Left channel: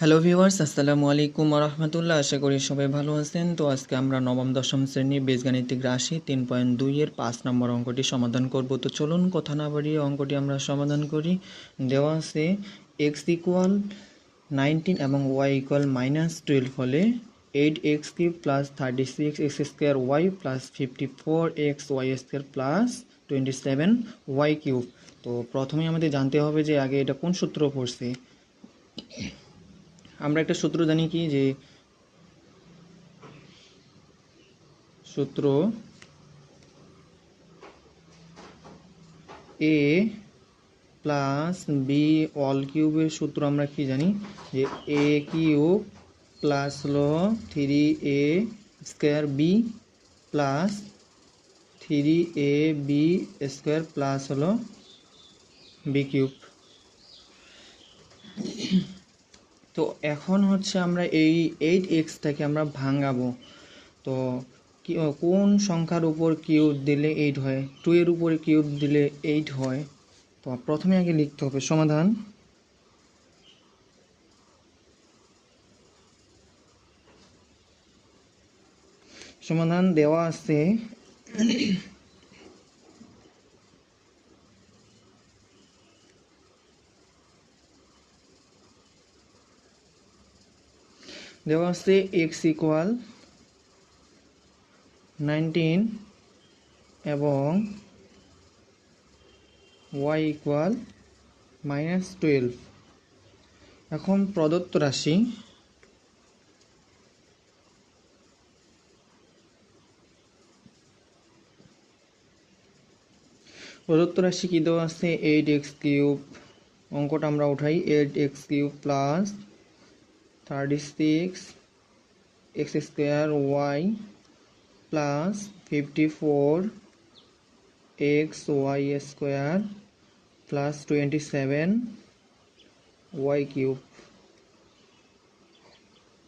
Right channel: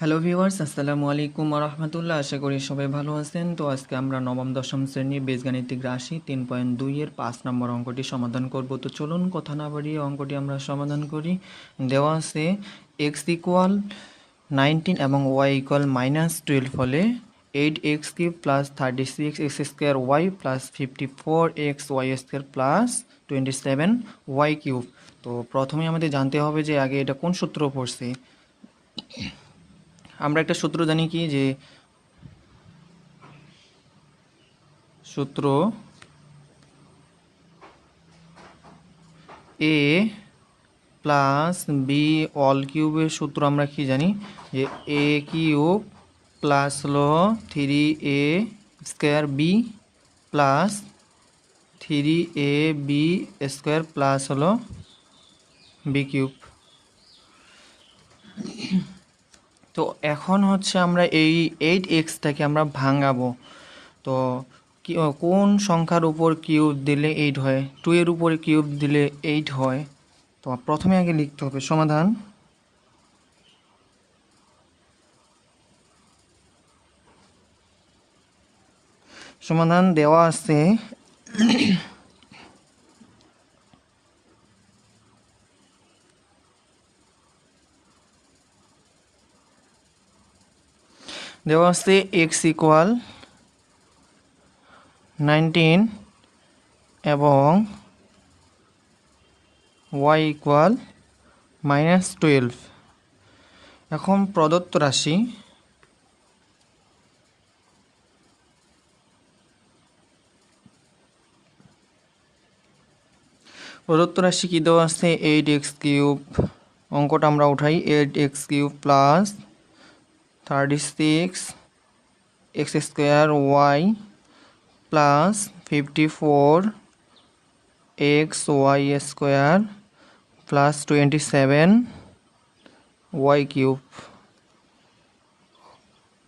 Hello viewers, আসসালামু আলাইকুম ওয়া রাহমাতুল্লাহ। আশা করি সবাই ভালো আছেন। তো আজকে আমরা নবম দশম শ্রেণীর বীজগাণিতিক রাশি 3.2 এর 5 নম্বর অঙ্কটি সমাধান করব। তো চলুন কথা না বাড়িয়ে অঙ্কটি আমরা সমাধান করি। দেওয়া আছে x ইকুয়াল 19 এবং y ইকুয়াল -12 হলে 8x³ plus 36x square y plus 54x y square plus 27y³ তো প্রথমে আমাদের জানতে হবে যে আগে এটা কোন সূত্র পড়ছি। আমরা একটা সূত্র জানি কি, যে সূত্র এ প্লাস বি অল কিউবের সূত্র আমরা কি জানি, যে এ কিউব প্লাস হলো 3a square B plus 3ab square plus হলো বি কিউব। তো এখন হচ্ছে আমরা এই 8xটাকে আমরা ভাঙাবো। তো কোন সংখ্যার উপর কিউব দিলে 8 হয়? 2 এর উপরে কিউব দিলে 8 হয়। তো প্রথমে আগে লিখতে হবে সমাধান। সমাধান দেওয়া আছে x ইকুয়াল 19 এবং y ইকুয়াল -12। এখন প্রদত্ত রাশি কি দেওয়া আছে? 8x³ অঙ্কটা আমরা উঠাই। 8x³ plus 36x square y plus 54x y square plus 27y³।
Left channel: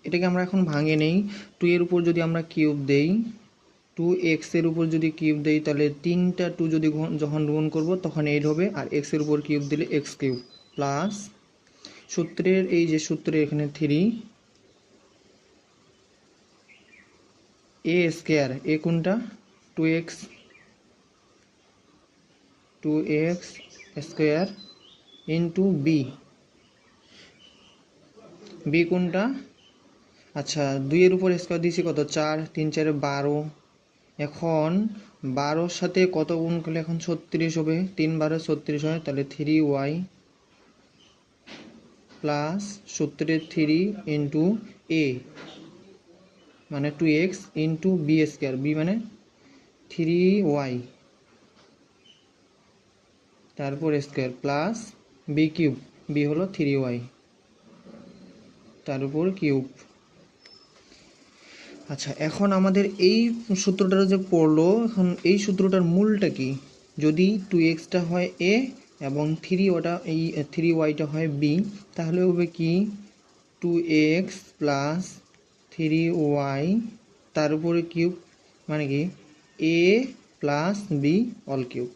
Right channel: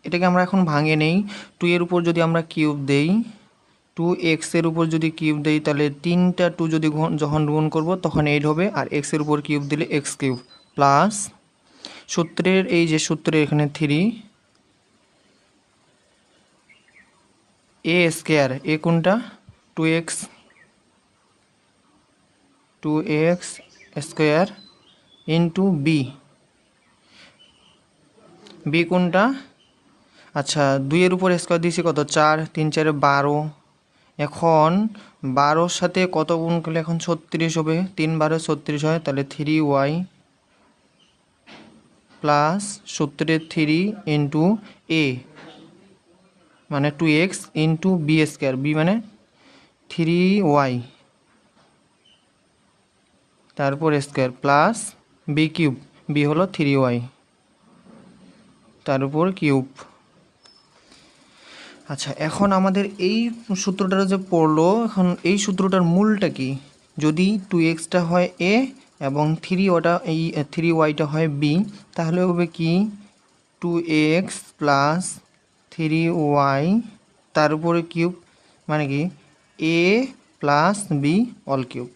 এটাকে আমরা এখন ভাঙে নেই। 2 এর উপর যদি আমরা কিউব দেই, 2x এর উপর যদি কিউব দেই, তাহলে 3টা 2 যদি যখন গুণ করব তখন 8 হবে, আর x এর উপর কিউব দিলে x³ প্লাস সূত্রের এই যে সূত্রের এখানে 3a স্কোয়ার, এ কোনটা? 2x স্কোয়ার ইন্টু বি কোনটা? আচ্ছা, 2 এর উপর স্কোয়ার দিয়েছি কত? 4, 3 4 12। এখন 12-র সাথে কত গুণ করলে এখন 36 হবে? 3 12 36 হয়, তাহলে 3y প্লাস সূত্রের 3 ইন্টু এ মানে 2x into B square, B মানে 3y তারপর square plus B cube, B হলো 3y তার উপর কিউব। আচ্ছা, এখন আমাদের এই সূত্রটা যে পড়লো, এখন এই সূত্রটার মূলটা কি? যদি 2xটা হয় a এবং 3yটা হয় b, তাহলে হবে কি 2x প্লাস 3y তার উপরে কিউব, মানে কি a plus B all cube.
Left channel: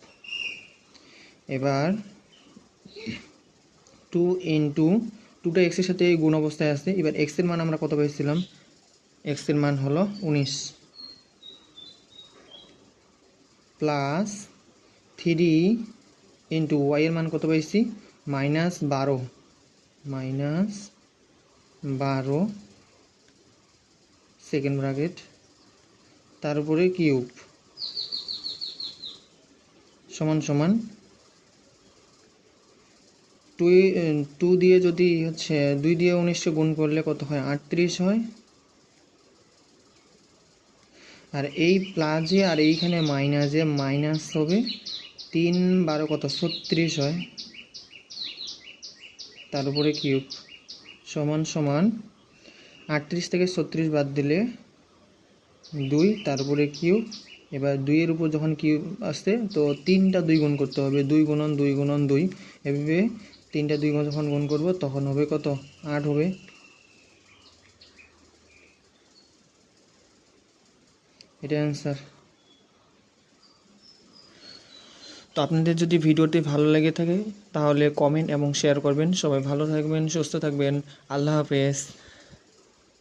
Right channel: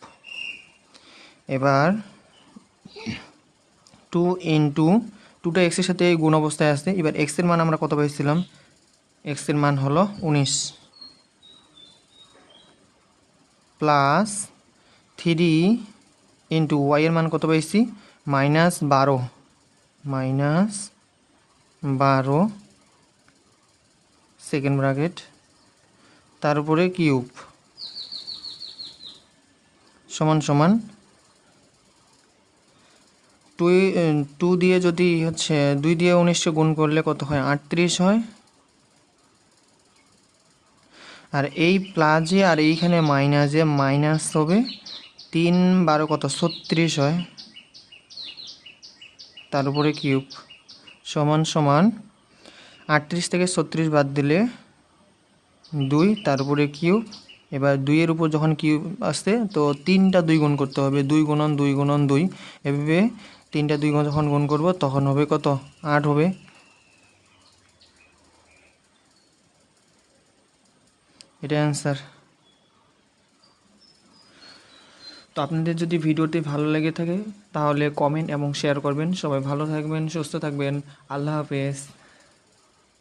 এবার 2 ইন্টু 2টা এক্সের সাথে গুণ অবস্থায় আসছে। এবার এক্সের মান আমরা কত পাইছিলাম? এক্সের মান হলো 19 প্লাস 3 ইন্টু ওয়াইয়ের মান কত পাইছি? -12 সেকেন্ড ব্র্যাকেট তার উপরে কিউব সমান সমান 2 দিয়ে যদি হচ্ছে 2 দিয়ে 19 গুণ করলে কত হয়? 38 হয়। আর এই প্লাসে আর এইখানে মাইনাসে মাইনাস হবে, 3 12 কত? 36 হয়, তার উপরে কিউব সমান সমান 38 থেকে 36 বাদ দিলে 2 তার উপরে কিউব। এবার 2 এর উপর যখন কিউব আসছে, তো 3টা 2 গুণ করতে হবে, 2 গুণন 2 গুণন 2, এভাবে 3টা 2 যখন গুণ করব তখন হবে কত? 8 হবে। এটা অ্যান্সার। তো আপনাদের যদি ভিডিওটি ভালো লেগে থাকে তাহলে কমেন্ট এবং শেয়ার করবেন। সবাই ভালো থাকবেন, সুস্থ থাকবেন। আল্লাহ হাফেজ।